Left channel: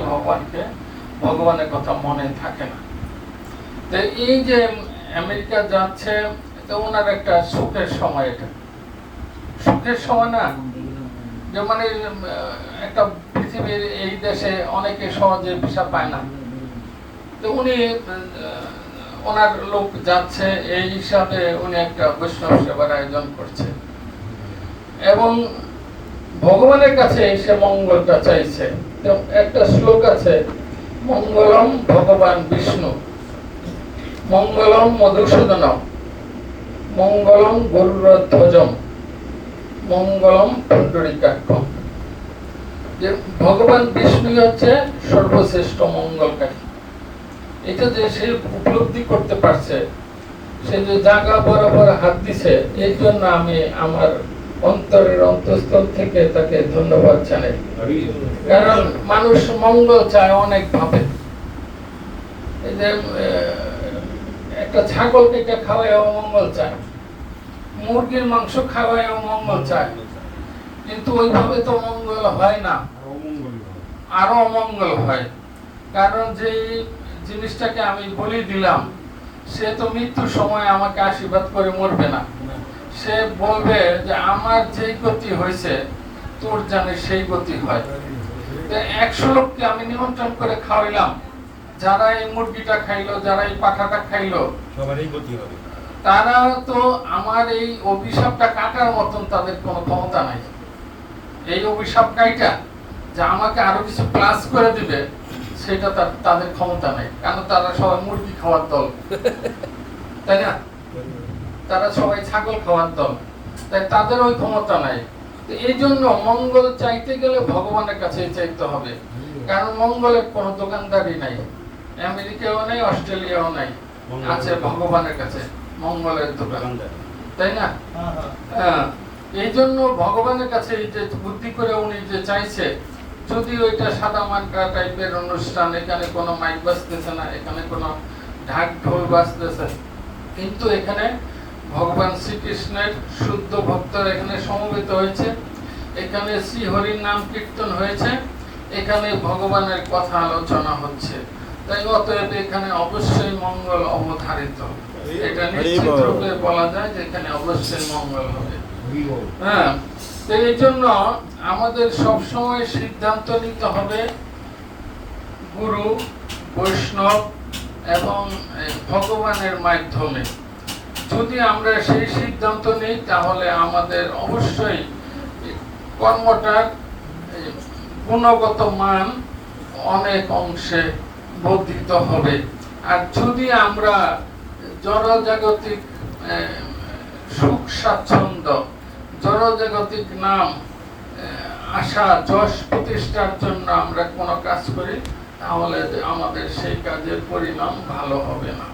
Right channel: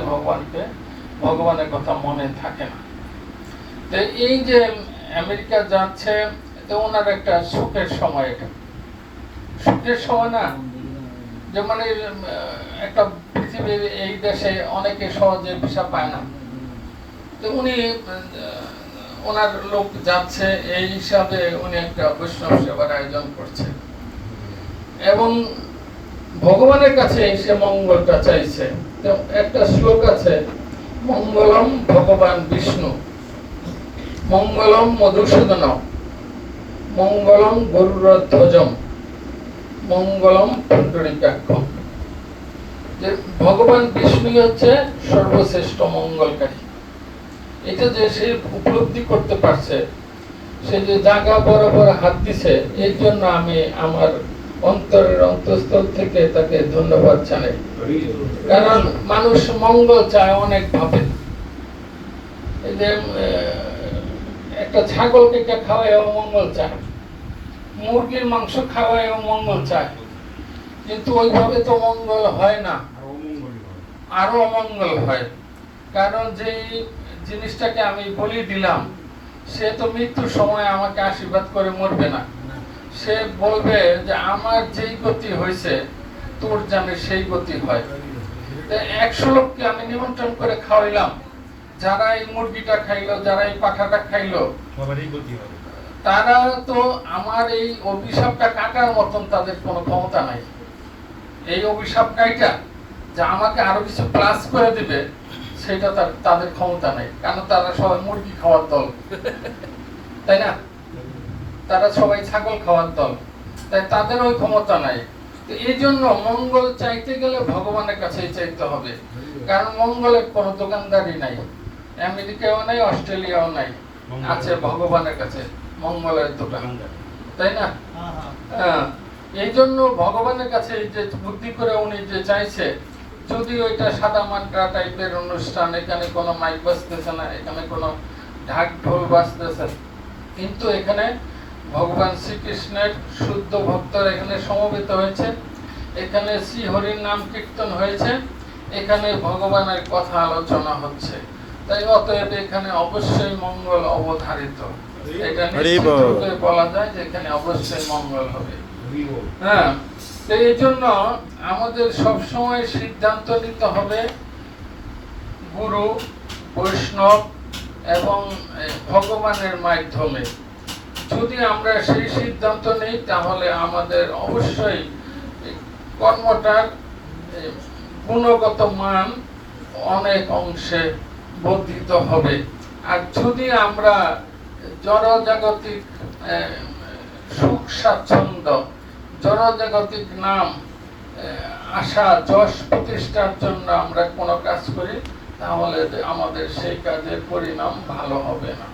হয় ভগবানকে। ভগবানের কথা মনে থাকে না। এই যে আমেরিকা যাচ্ছে ওনার একটা সুখের সময় এটা। সুখের সময় না, যে মানে একটা পৃথিবীর এই দেশে অনেকে সহজে ভিসা পায় না। তো উনি ওনার লোক যাচ্ছে, এই হিসাবে উনি একটা বৈষ্ণব সেবার আয়োজন করছে। এবং ভগবানের কাছে এসে মঙ্গলটা চাইছে। একটা শ্লোক আছে, মঙ্গলম ভগবান বিষ্ণু, মঙ্গলম মধুসূদন, মঙ্গলম গরুরধ্বজম, মঙ্গলম পুণ্ডরিকাক্ষম। যে ভগবান বিষ্ণু হচ্ছে সর্বশ্রেষ্ঠ মঙ্গলকারী। এটা যে সে উপলব্ধি করতে পারছে, সে যে জায়গা বরাবর হাত দিছে এই জন্য আমি আমার অন্তরের অন্তঃস্থল থেকে তাকে ধন্যবাদ জানাই। কারণ মানুষ মঙ্গল চায় অনেক ভাবে। এই যে একটা ছাগল কেটে খাওয়ায় মঙ্গল চায়, মুরগির মাংস খাওয়ায় মঙ্গল চায়, কিন্তু ওইভাবে তো মঙ্গল হয় না। আরও অমঙ্গল হয়। কারণ যে জিনিসটাকে আমি বলি দিলাম, সে তো মৃত্যুর সময় আমাকে আশীর্বাদ করে মরবে না। সে বলবে যে আমার যেই গতি হয়েছে তোর জানে সেই গতি হয়। একশো লোককে আমি নিমন্ত্রণ করে খাওয়াইলাম। যারা এই মুরগিটা খাইলো যারা এই পাখাটা খাইলো সবারই গতি হবে। তারা তো আমার এই অভিশাপটা কাটার মতন তাদের কোনো ক্ষমতা নাই। এই অভিশাপ কাইটা যে আমাকে আরও কিছু প্লাস করে দিবে সেটা তার তাদের ক্ষমতা নাই। কারণ তারা সবাই মুরগি খাওয়ার দল? তাই না? তারা সবাই ছাগল খাওয়ার দল। তাই তাদের ওই ক্ষমতা নাই। এই জন্য মঙ্গল চাইতে গেলে ভগবানের কাছে চাইতে হবে। কারণ মঙ্গলের কোনো দোকানদারি নাই। আমেরিকাও নাই অস্ট্রেলিয়াও নাই। আছে ভগবানের কাছে মঙ্গলের দোকান তাই না? হ্যাঁ, এই জন্য ভগবানের কাছে যে বুদ্ধি করে উনি যে চাইছে যদি ওইটা সাদা মানটা টাইপের অনুষ্ঠান এখানে কোনো মাইক বাজতেছে না এখানে কোনো ঢাক ঢোল বাজতেছে। কিন্তু এখানে ভগবান শ্রীকৃষ্ণের শুদ্ধ ভক্তরা এখানে সমবেত হয়েছে। এখানে শ্রীহরির নাম কীর্তন হয়েছে। এখানে ভগবানের কথা আলোচনা হচ্ছে। তাই অতএব এখানে অবশ্যই মঙ্গল অবধারিত। এটা নিশ্চিত রূপে বলা যায় যে এখানে অবশ্যই মঙ্গল হবে। হ্যাঁ তো এই জন্য আমাদের সবসময় সিদ্ধান্ত নিতে হবে গুরু বৈষ্ণব এবং ভগবানের মাধ্যমে। যদি আমরা সেই সিদ্ধান্ত নিই, তাহলে আমাদের অবশ্যই কর্মটার গুণগত মান অনেক অংশে বর্ধিত হবে। আর যদি আমরা জড়জাগতিক সুখ স্বাচ্ছন্দ্য, জড়জাগতিক নাম আশা, যশ প্রতিষ্ঠার জন্য আমরা কোনো কাজ করি, তাহলে আমাদের সেই কাজের পরিণাম ভালো হবে না।